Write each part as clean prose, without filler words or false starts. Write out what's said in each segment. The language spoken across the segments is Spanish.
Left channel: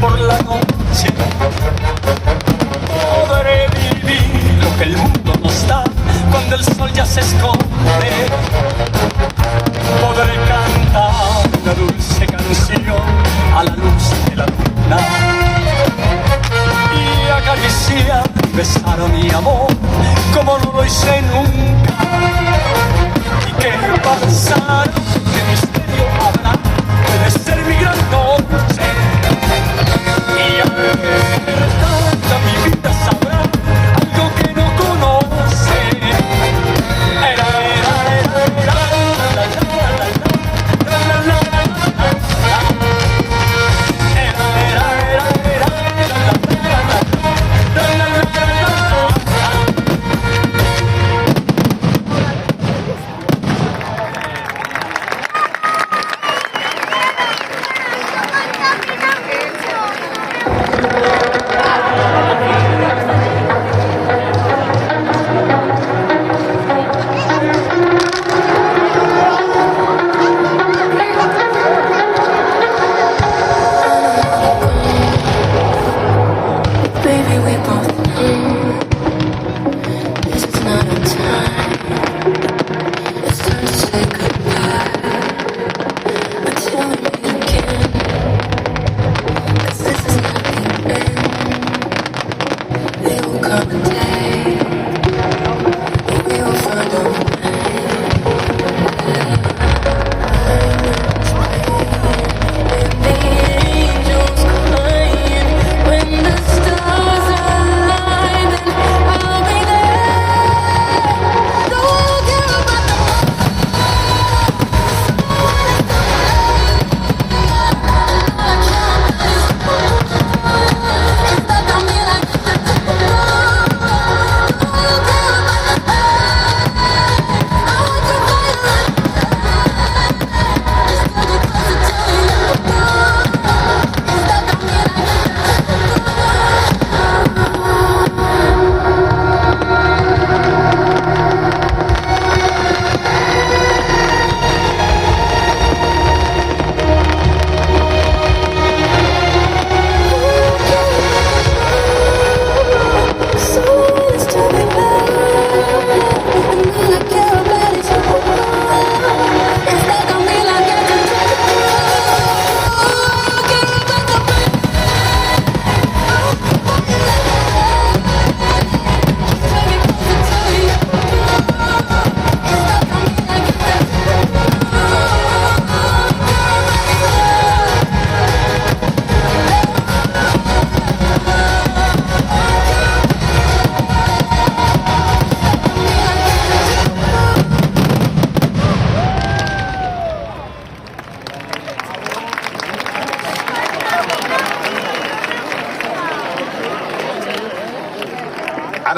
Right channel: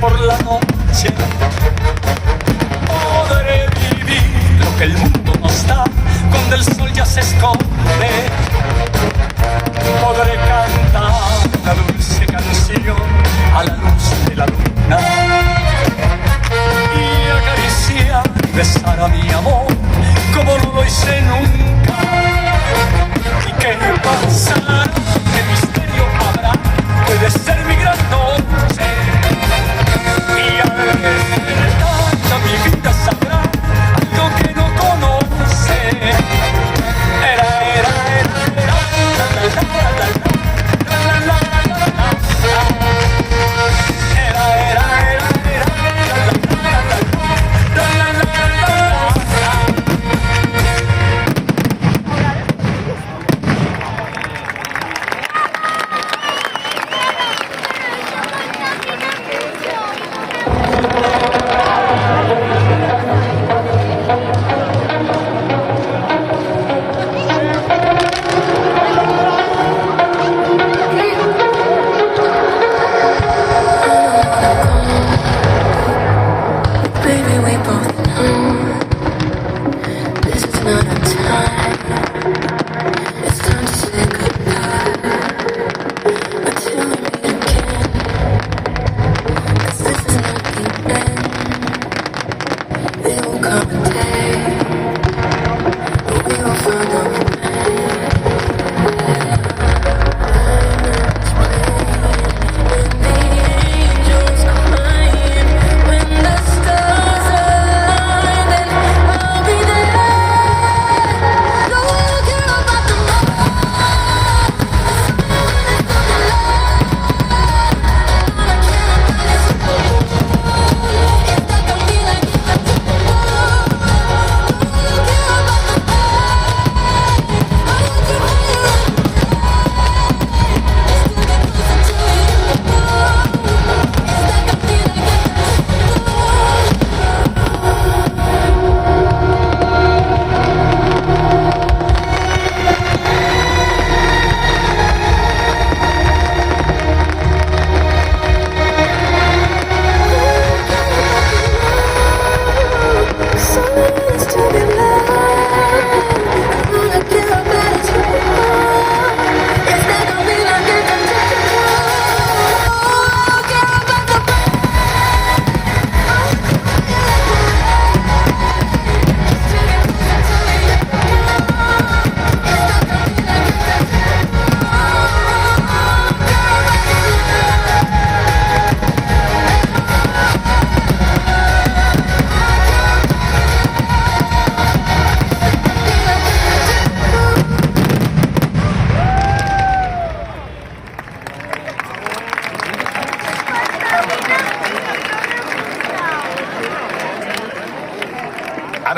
por la noche. Podré vivir lo que el mundo nos da cuando el sol ya se esconde. Podré cantar una dulce canción a la luz de la luna y acariciar, besar a mi amor como no lo hice nunca. ¿Y qué pasará? ¿Qué misterio habrá? Puede ser mi gran noche. Y al despertar mi vida sabrá algo que no conoce.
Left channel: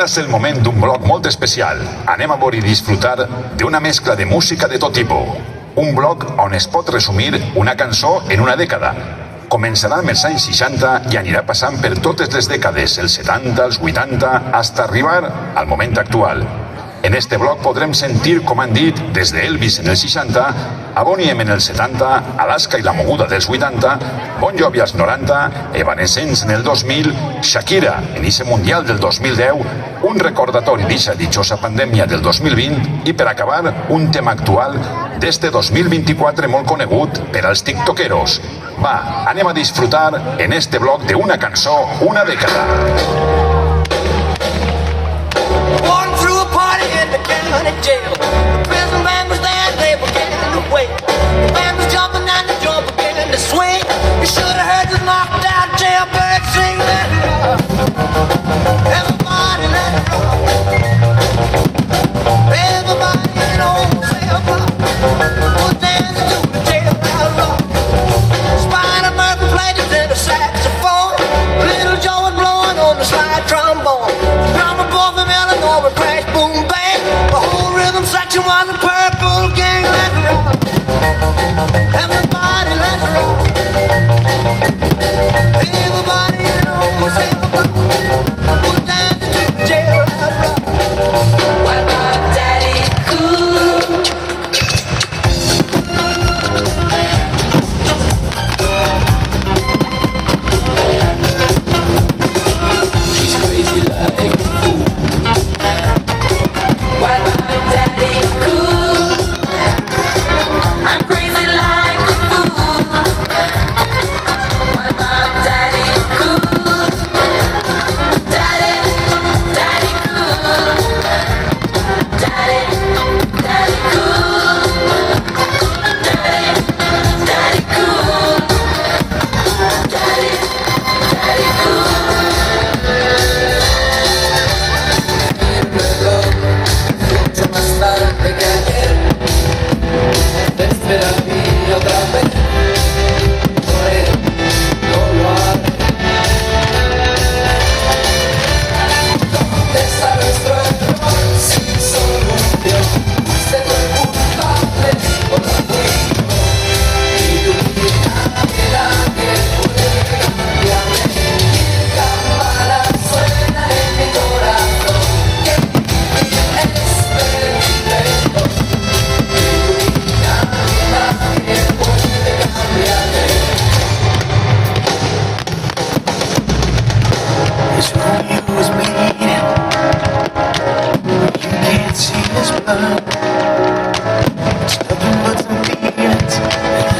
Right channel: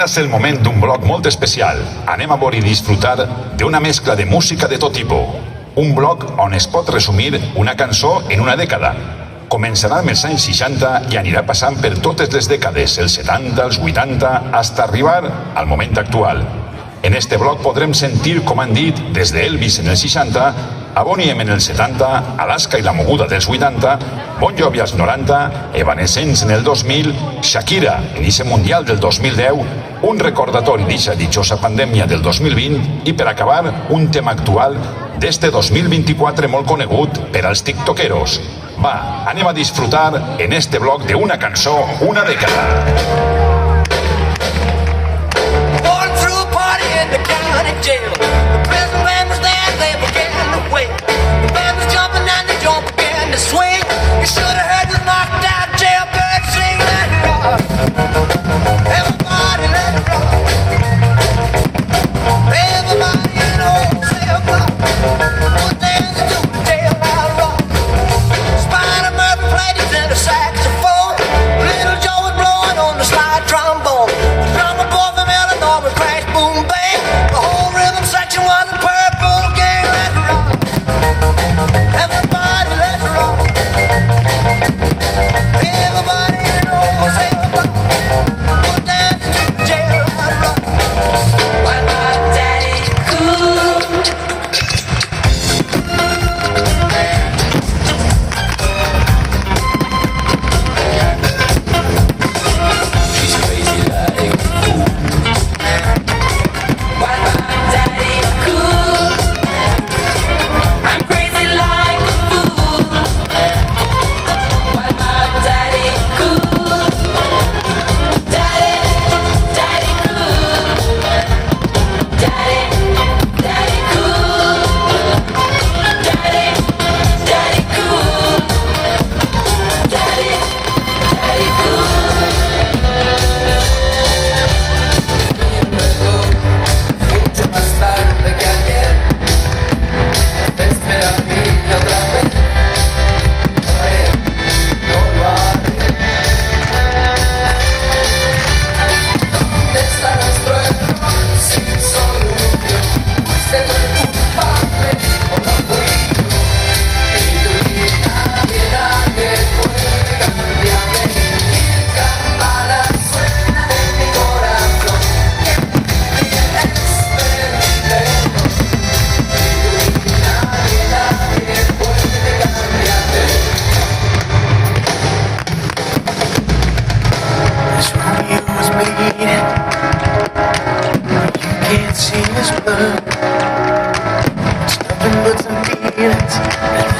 Ara és el moment d'un bloc molt especial. Anem a veure i disfrutar d'una mescla de música de tot tipus. Un bloc on es pot resumir una cançó en una dècada. Començarà amb els anys 60 i anirà passant per totes les dècades, els 70, els 80, fins a arribar al moment actual. En este bloc podrem sentir, com han dit, des d'Elvis en els 60, a Boney M en els 70, Alaska i la moguda dels 80, Bon Jovi als 90, Evanescence en el 2000, Shakira en ese Mundial del 2010, un recordatori d'eixa ditjosa pandèmia del 2020 i, per acabar, un tema actual d'este 2024 molt conegut per als tiktokeros. Va, anem a disfrutar en este bloc d'una cançó, una dècada. Jail. The prison man was there, they began to wait. The band was jumping and the drum began to swing. You should have heard the knockdown jailbird sing. Let it rock. Everybody let it rock. Everybody in the whole cell block was dancing to the jailbird rock. Spider Murphy played it to the saxophone. Little Joe was blowing on the slide trombone. The drummer boy from Illinois was crash boom bang. The whole rhythm section was a purple gang. Let it rock.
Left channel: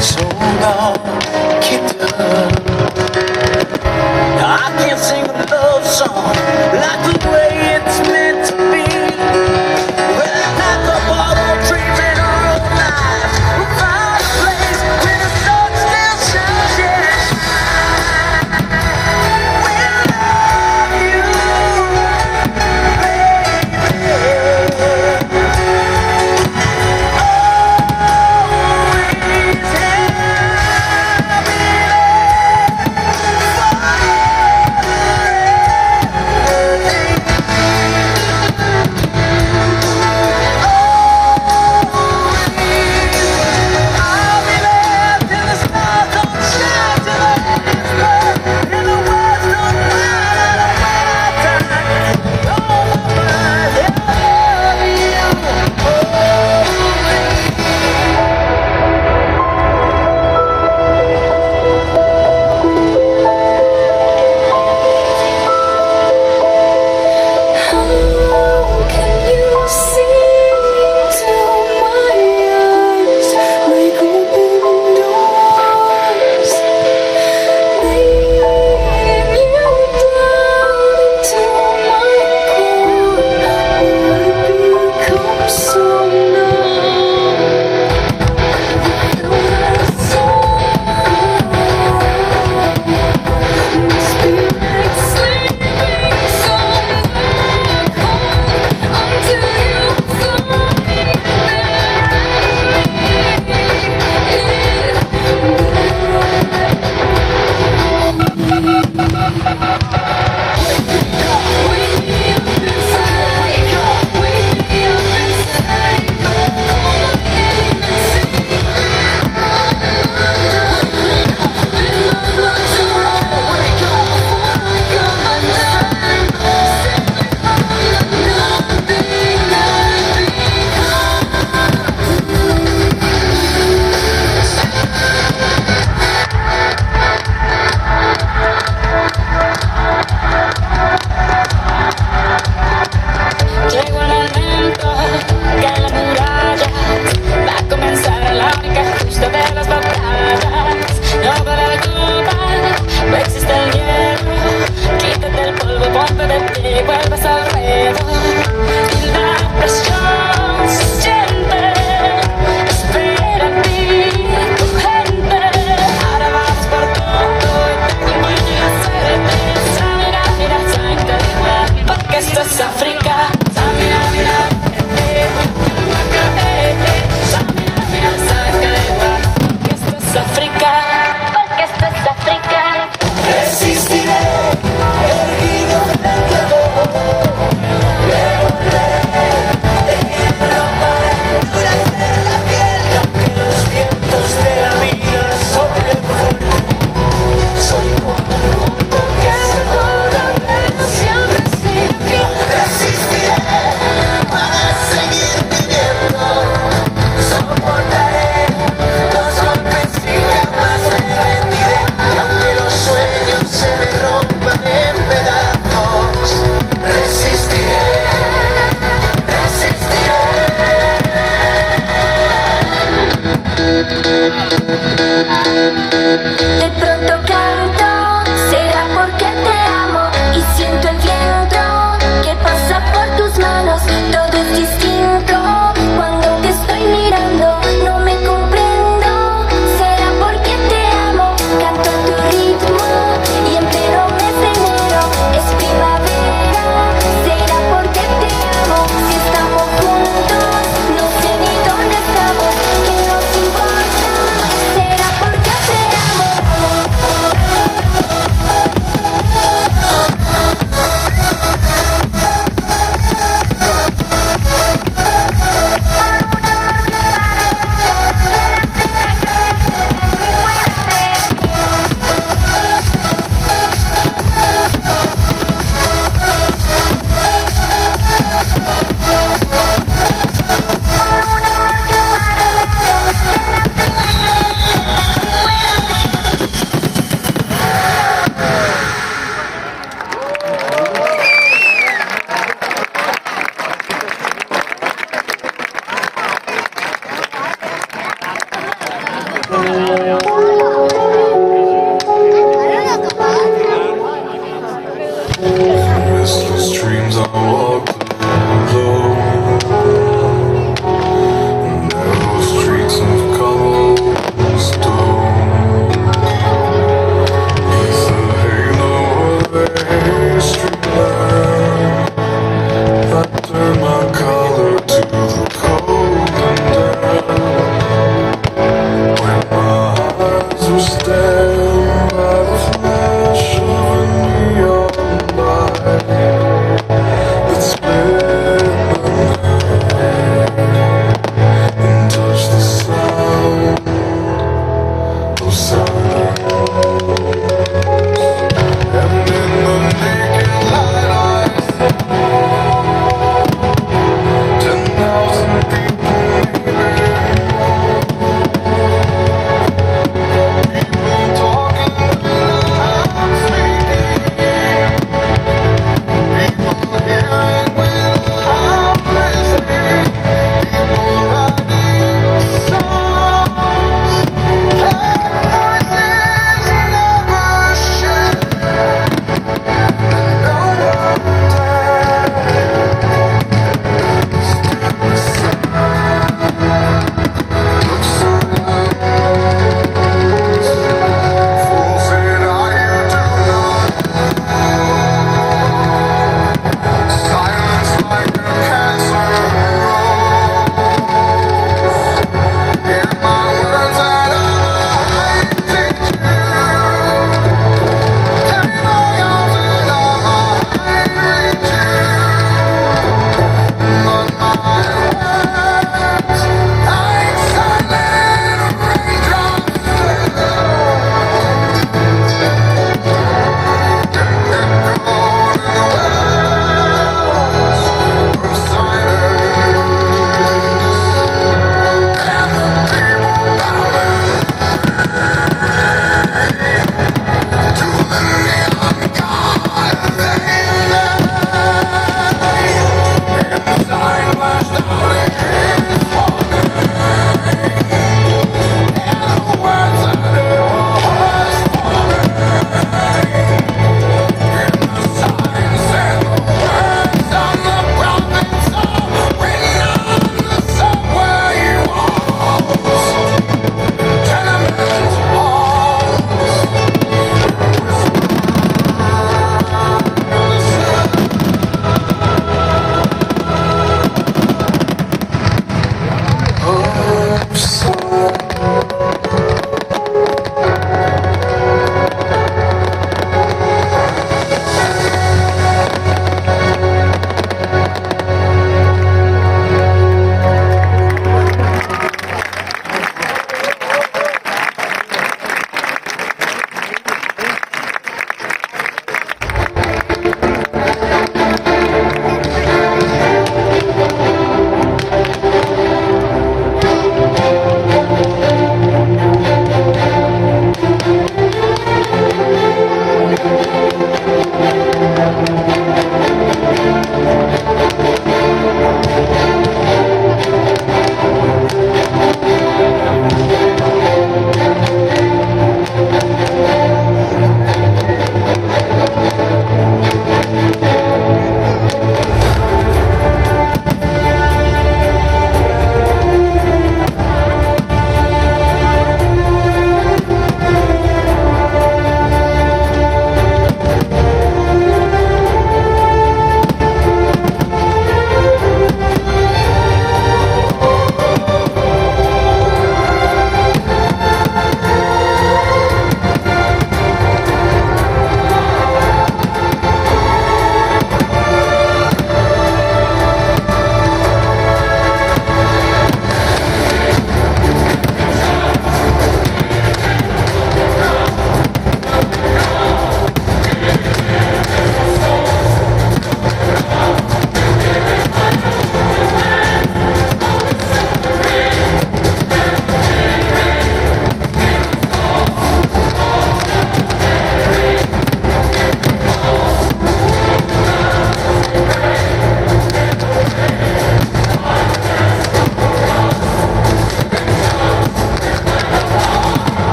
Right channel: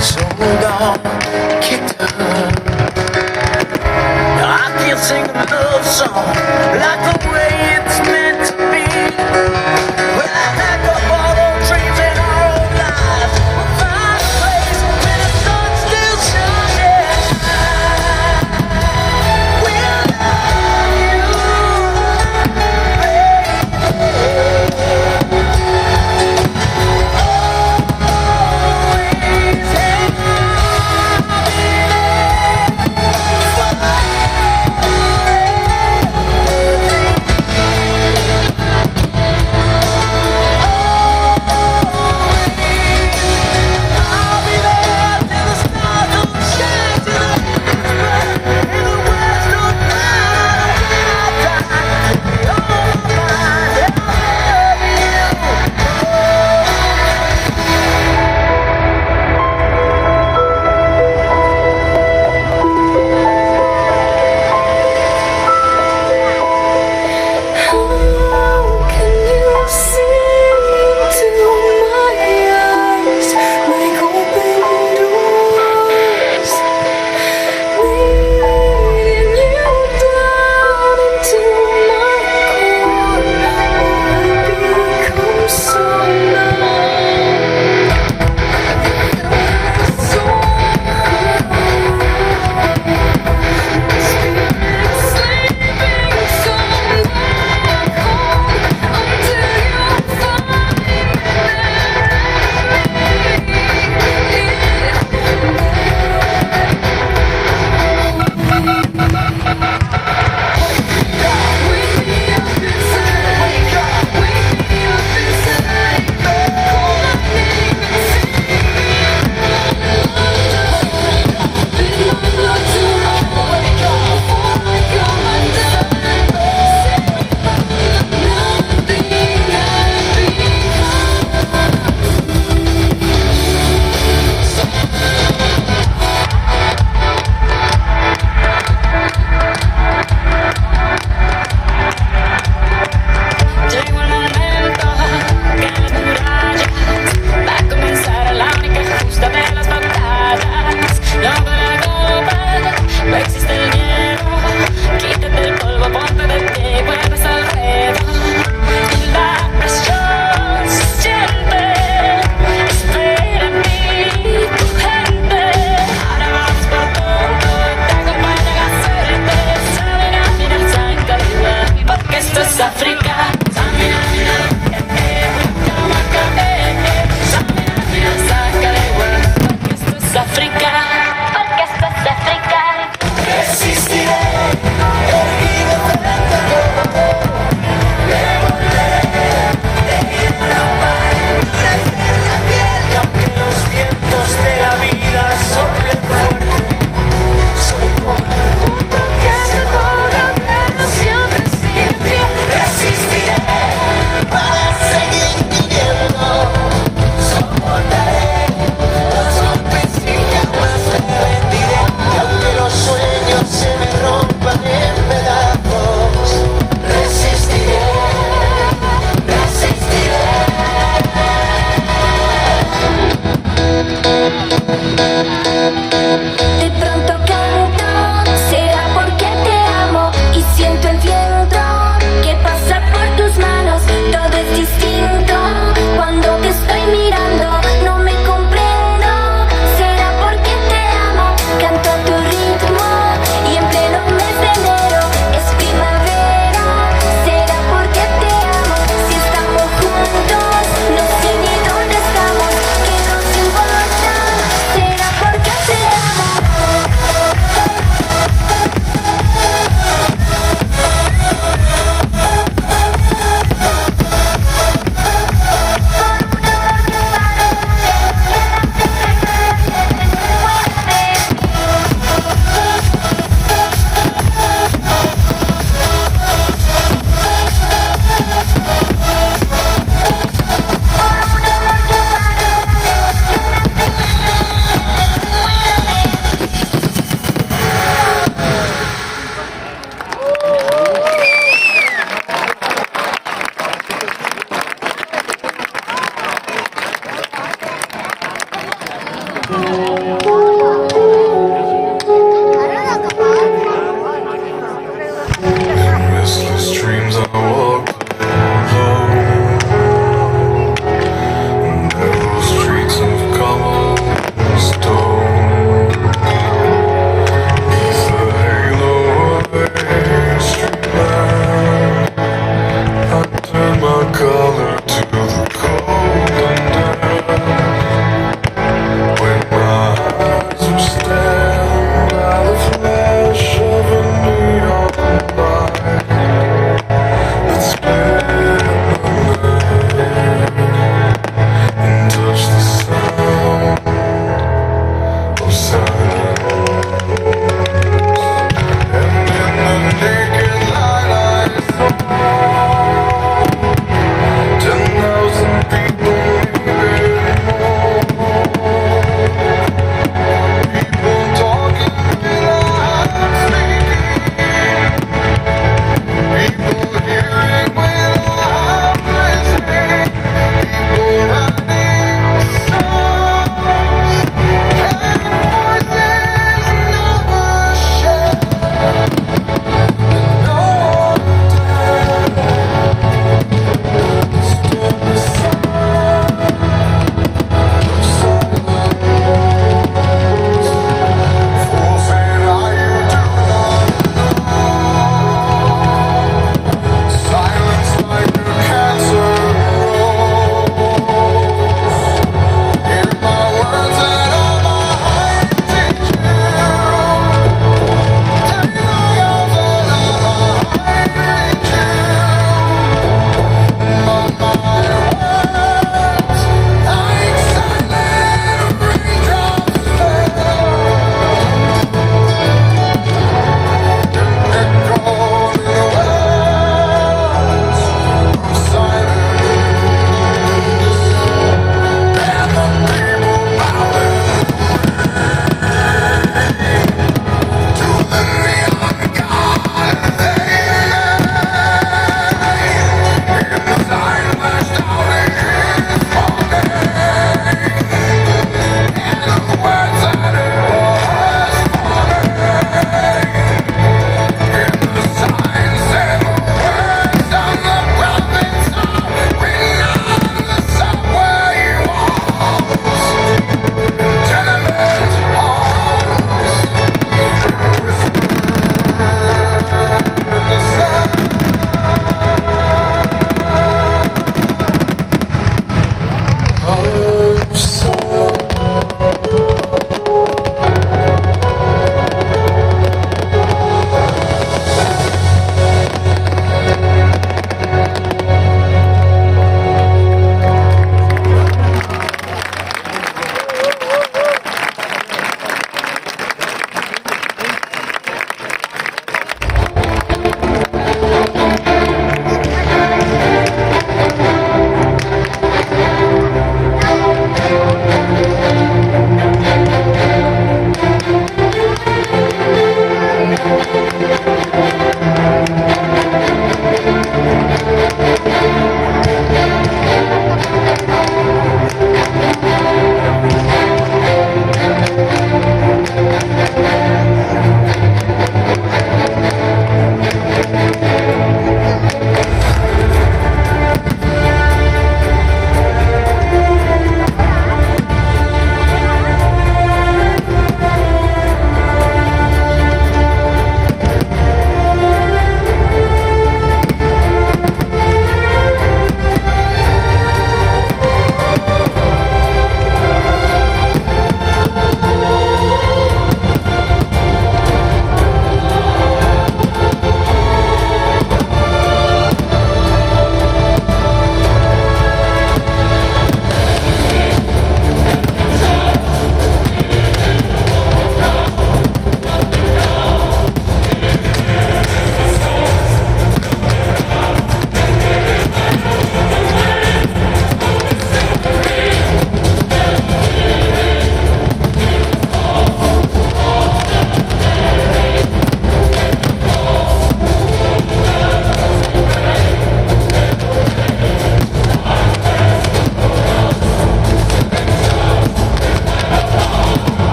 So don't get done. I can't sing a love song like the way it's meant to be. Well, I had to borrow dreams and our lives. We'll find a place where the sun still shines. Yeah, we'll love you, baby. Thank you.